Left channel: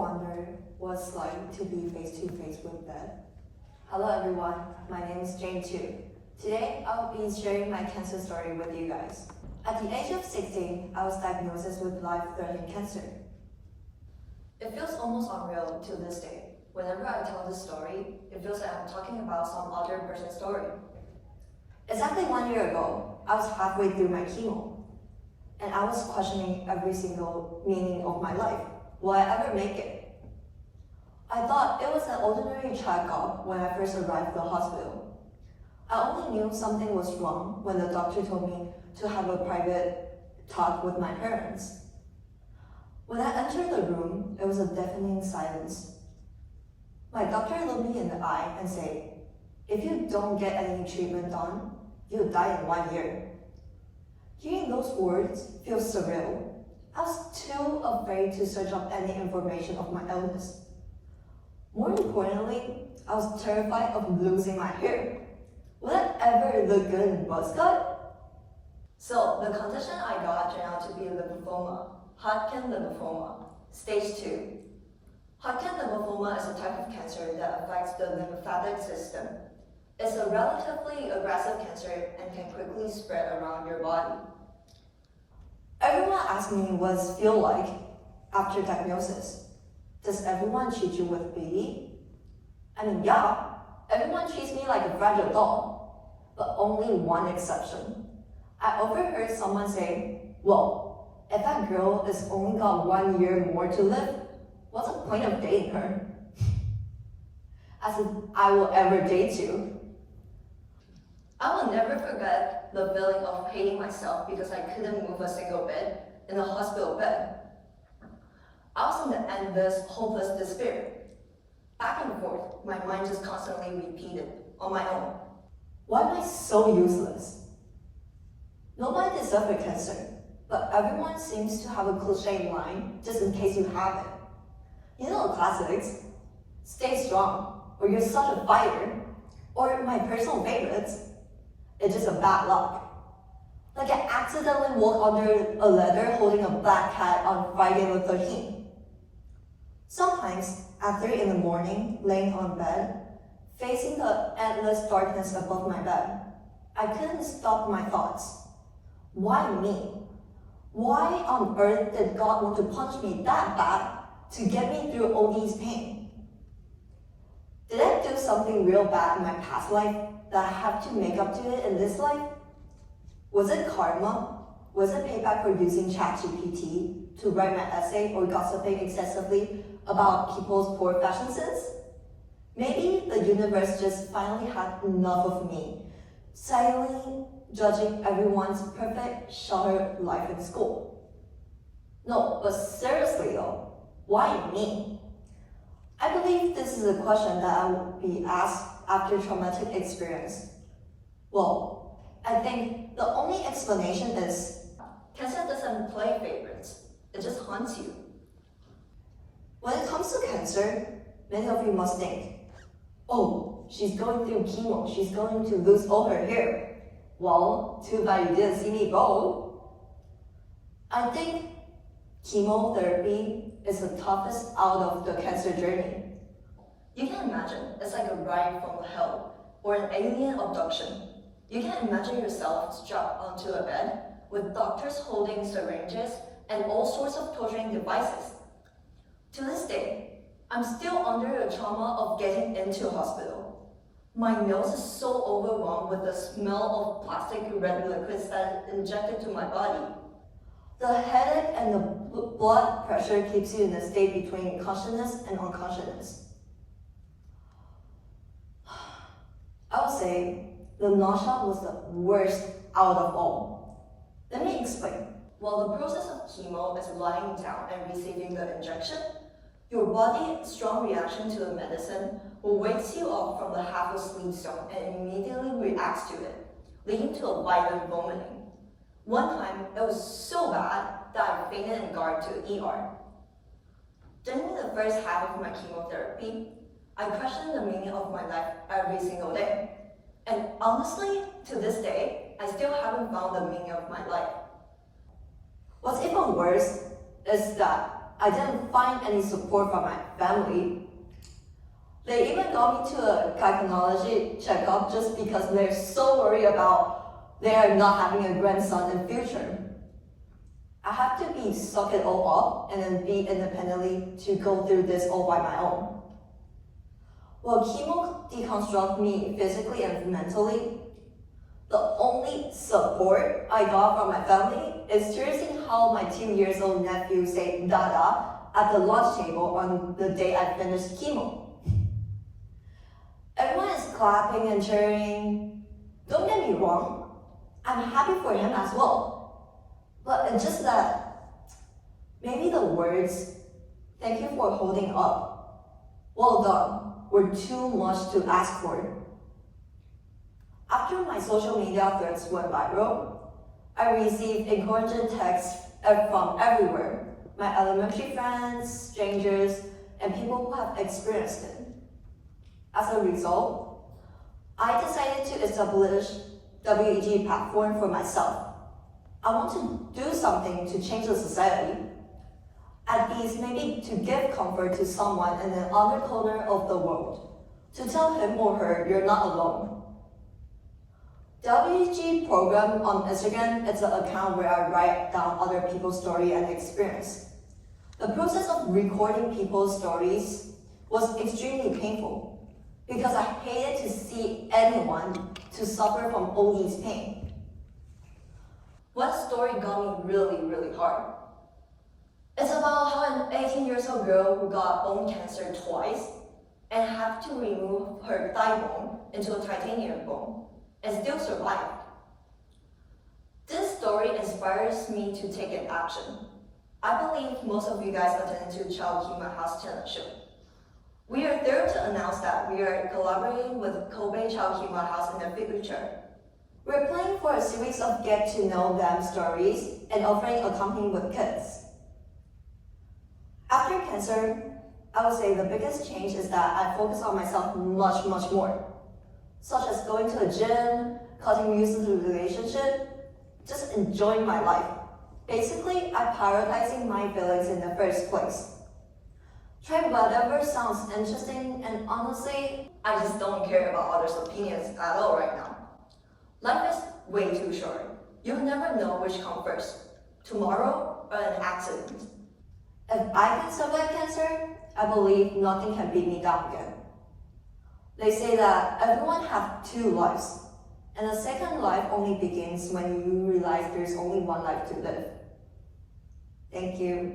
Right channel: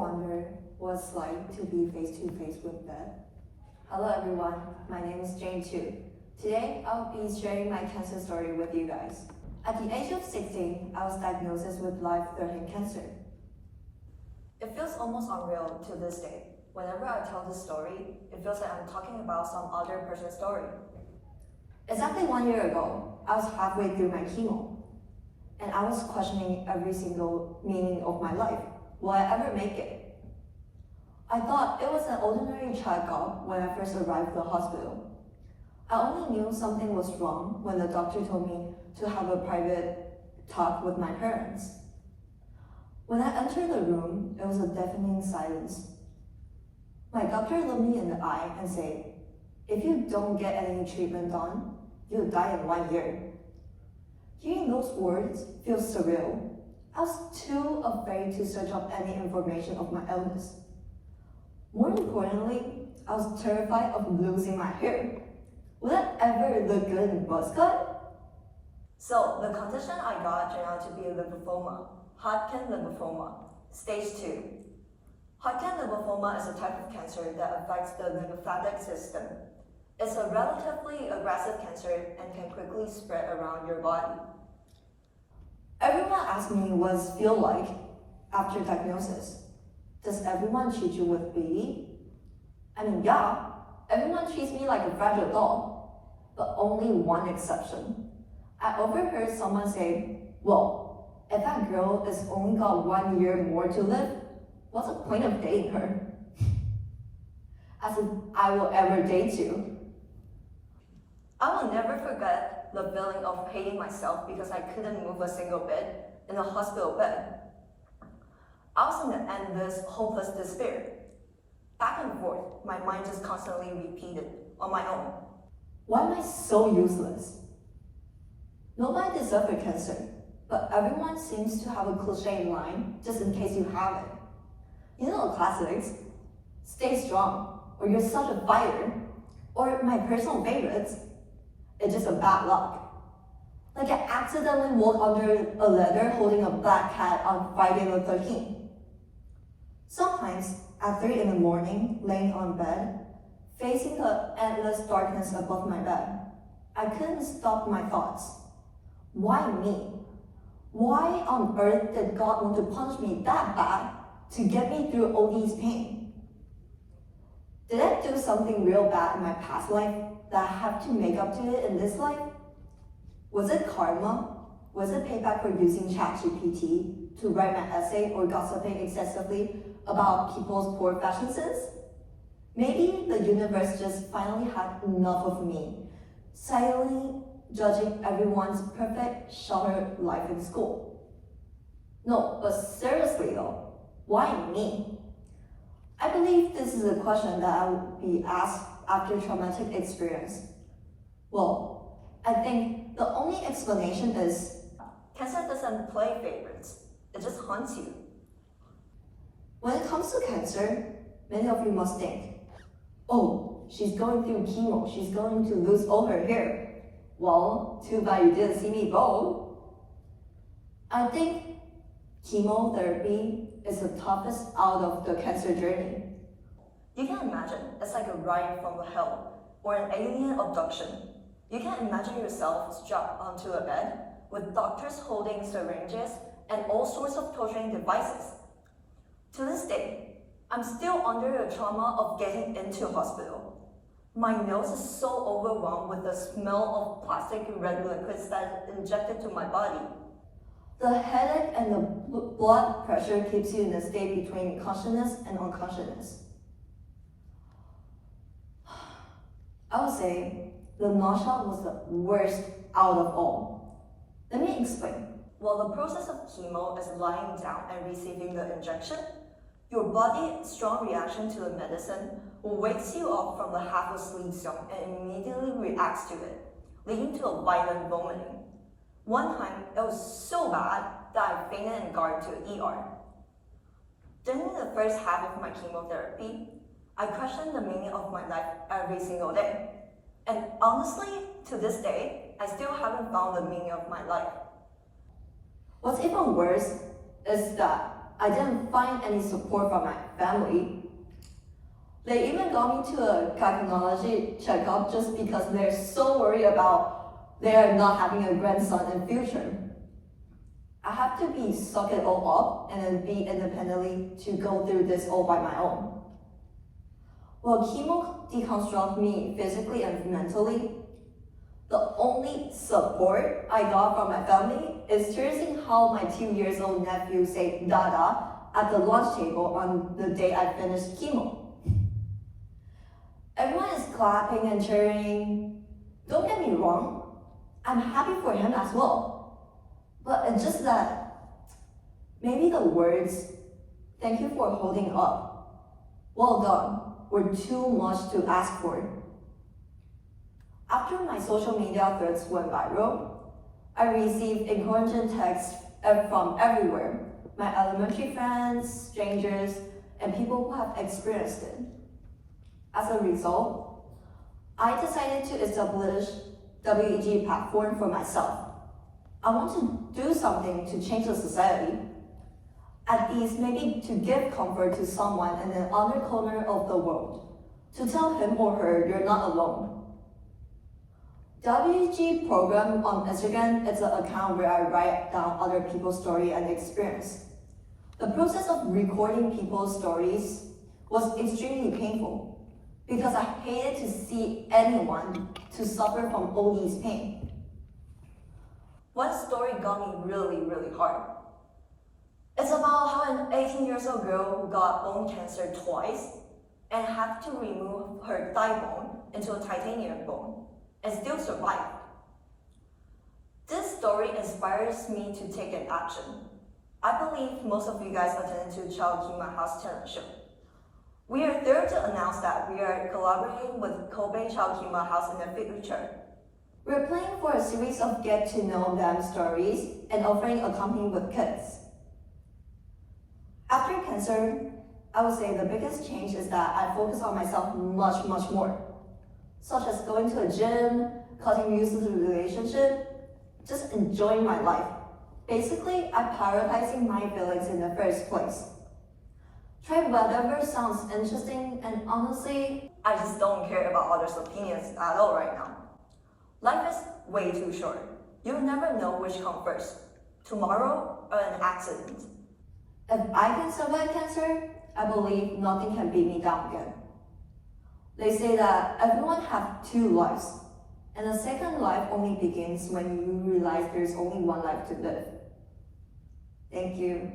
wonder what it's like to be face-to-face with death? Hello everyone, my name is Chou. Today, I'll be sharing my cancer story with you guys. At the age of 16, I was diagnosed with life-threatening cancer. It feels almost unreal to this day. Whenever I tell this story, it feels like I'm talking about some other person's story. Exactly 1 year ago, I was halfway through my chemo, and I was questioning every single meaning of my life. Will I ever make it? I thought it was an ordinary checkup when I first arrived at the hospital. I only knew something was wrong when the doctor told me to have a private talk with my parents. When I entered the room, it was a deafening silence. My doctor looked me in the eye and said, "If you don't get any treatment done, you'll die in 1 year." Hearing those words feels surreal. I was too afraid to search up any information of my illness. More importantly, I was terrified of losing my hair. Would I ever look good in buzz cut? So the condition I got turned out to be lymphoma, Hodgkin lymphoma, stage 2. Hodgkin lymphoma is a type of cancer that affects the lymphatic system. It's a relatively aggressive cancer and can quickly spread around your body. Everyone asks me what it feels like after diagnosis. Does everyone treat you with pity? I mean, yeah, everyone treats me like a fragile doll, but only one exception. I overheard someone say, "Well, if that girl has only got 1 year more to live, what's the point of dating her?" As if I will ever date you. I will never forget the feeling of hating myself because I couldn't move a single bit in a hospital bed. I was in the endless, hopeless despair. Back and forth, my mind just constantly repeated on my own. Why am I so useless? Nobody deserves a cancer, but everyone seems to have a cliche line just in case you have it. You know the classics, "Stay strong," or "You're such a fighter," or my personal favorites, "It's just a bad luck." Like I accidentally walked under a ladder holding a black cat on Friday the 13th. Sometimes, at 3 in the morning, laying on bed, facing the endless darkness above my bed, I couldn't stop my thoughts. Why me? Why on earth did God want to punch me that bad to get me through all these pain? Did I do something real bad in my past life that I have to make up to it in this life? Was it karma? Was it payback for using ChatGPT to write my essay or gossiping excessively about people's poor fashion sense? Maybe the universe just finally had enough of me, silently judging everyone's perfect, sheltered life in school. No, but seriously though, why me? I believe this is a question that I would be asked after traumatic experience. Well, I think the only explanation is Cancer doesn't play favorites, it just haunts you. when it comes to cancer, many of you must think, "Oh, she's going through chemo, she's going to lose all her hair." Well, too bad you didn't see me go. I think chemotherapy is the toughest out of the cancer journey. You can imagine it's like a ride from hell or an alien abduction. You can imagine yourself strapped onto a bed with doctors holding syringes and all sorts of torturing devices. To this day, I'm still under the trauma of getting into hospital. My nose is so overwhelmed with the smell of plastic red liquids that is injected to my body. The headache and the blood pressure keeps you in a state between consciousness and unconsciousness. I would say the nausea was the worst out of all. Let me explain. While the process of chemo is lying down and receiving the injection, your body's strong reaction to the medicine will wake you up from the half-asleep zone and immediately reacts to it, leading to a violent vomiting. One time, it was so bad that I fainted and got to the ER. During the first half of my chemotherapy, I questioned the meaning of my life every single day. And honestly, to this day, I still haven't found the meaning of my life. What's even worse is that I didn't find any support from my family. They even got me to a gynecology checkup just because they're so worried about they're not having a grandson in future. I have to suck it all up and then be independently to go through this all by my own. While chemo deconstructed me physically and mentally, the only support I got from my family is hearing how my 2-year-old nephew said Dada at the lunch table on the day I finished chemo. Everyone is clapping and cheering. Don't get me wrong, I'm happy for him as well. But it's just that maybe the words, "Thank you for holding up," "Well done," were too much to ask for. After my social media threads went viral, I received encouraging texts from everywhere, my elementary friends, strangers, and people who have experienced it. As a result, I decided to establish WEG platform for myself. I want to do something to change the society. At least maybe to give comfort to someone in another corner of the world, to tell him or her you're not alone. WEG program on Instagram is an account where I write down other people's story and experience. The process of recording people's stories was extremely painful because I hated to see anyone to suffer from all these pain. One story got me really hard. It's about how an 18-year-old girl who got bone cancer twice and had to remove her thigh bone into a titanium bone and still survived. This story inspires me to take an action. I believe most of you guys attended to Chou House talent show. We are thrilled to announce that we are collaborating with Kobe Chou House in the future. We're planning for a series of get-to-know-them stories and offering accompanying with kids. After cancer, I would say the biggest change is that I focus on myself much more, such as going to a gym, cutting music to relationship, just enjoying my life. Basically, I'm prioritizing my feelings in the first place. Try whatever sounds interesting, and honestly, I just don't care about others' opinions at all right now. Life is way too short. You'll never know which comes first, tomorrow or an accident. if I can survive cancer, I believe nothing can beat me down again. They say that everyone has 2 lives, and the second life only begins when you realize there's only one life to live. Thank you.